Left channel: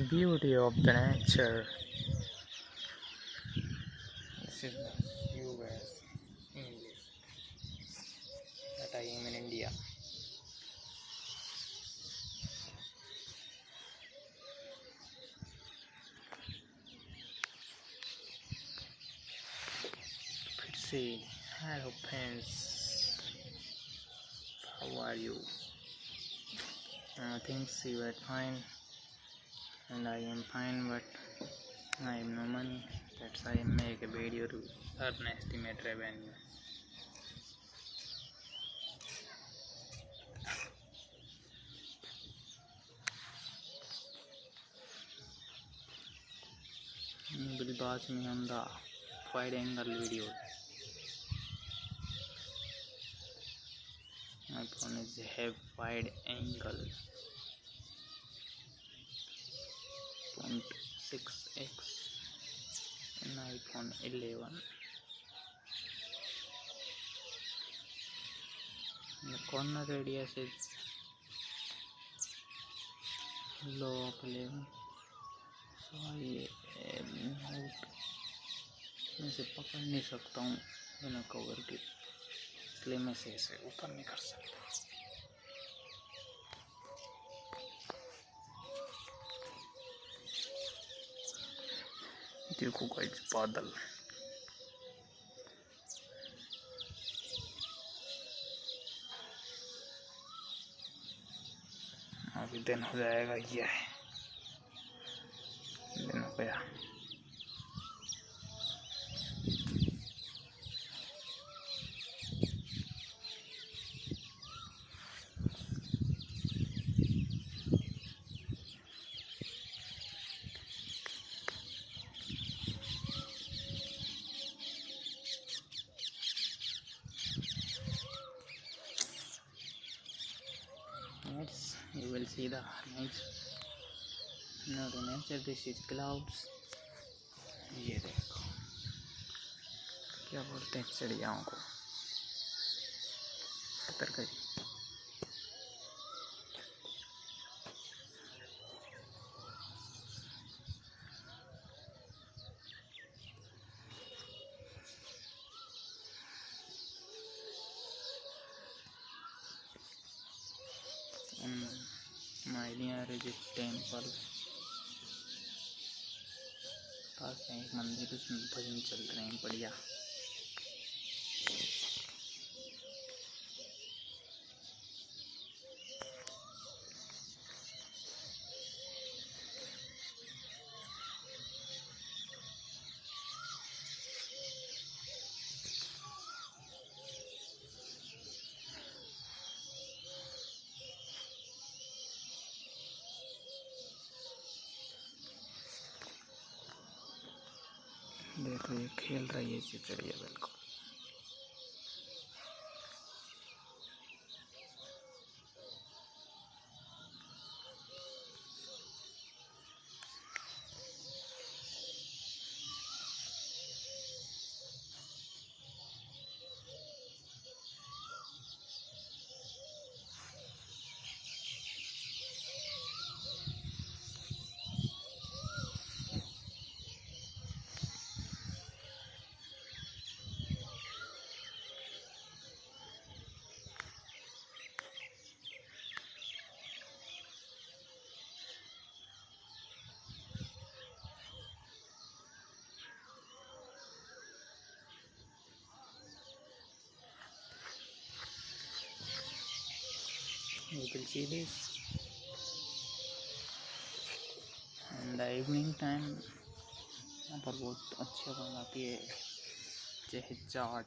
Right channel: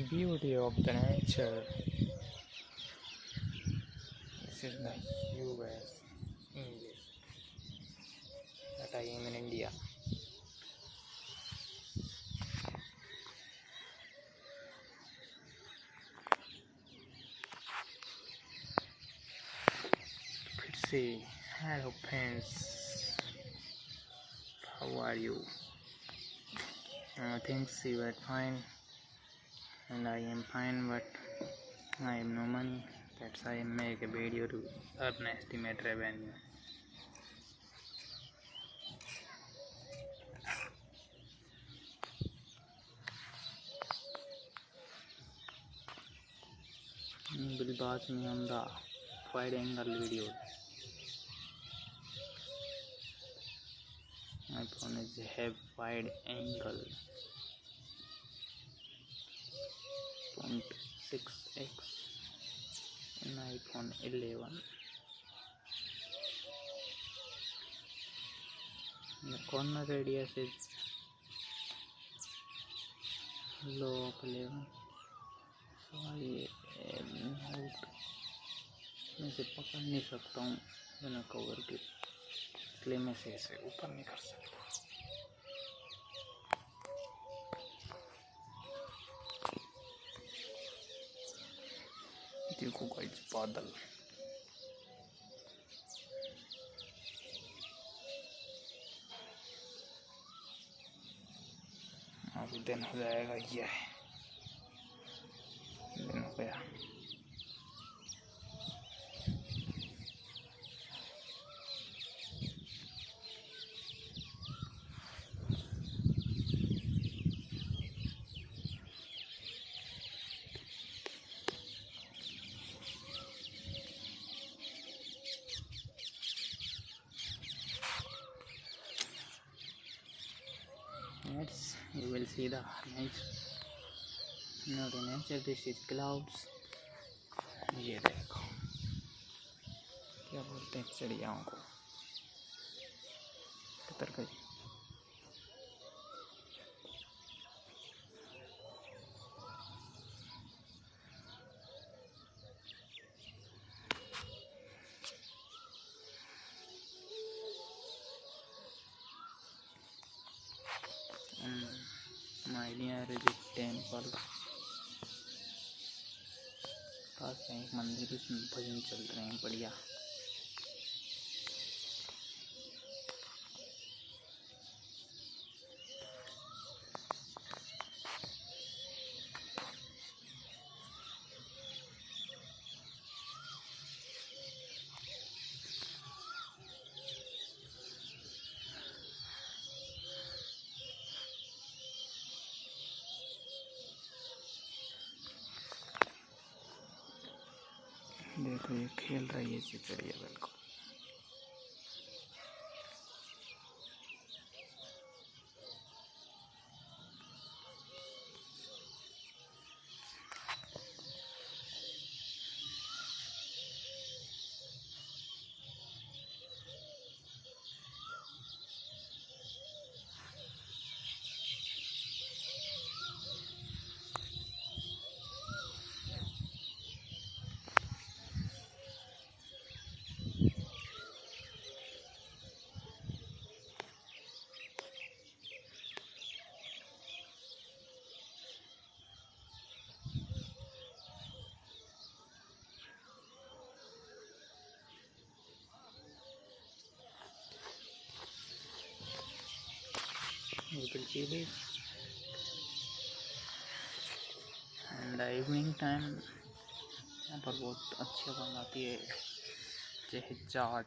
beauty of the nature. This is my US English that I am in India. Let's see. Hello friends, how are you? Thanks, you are fine, and I am fine, but I have no money. That's why I make a video to earn estimate revenue. You will watch me on the wide angle video. My phone is have wide angle 0.6x in iPhone 11. The corner radius is low of 11, so I note में से पकड़ नहीं सकता हूँ बिना cover के, इसलिए मैं से ऐसे ऊपर नहीं कर सकता. देखो गाइस बादल. अभी दिन हो जाएगा. ये है दिन हो गया. Next, you will see the next. No, the nature. This is clouds. ये देखो क्या बोलते हैं चिड़ियाओं को. कतर गई. My near is a temple. पास में एक मंदिर, उसमें भजन चल रहे हैं बढ़िया. देखो ये खेल रही है चिड़िया बिल्कुल. You will see this. And the evening time यहाँ पर बहुत अच्छी हवा आती है. चाहे चाट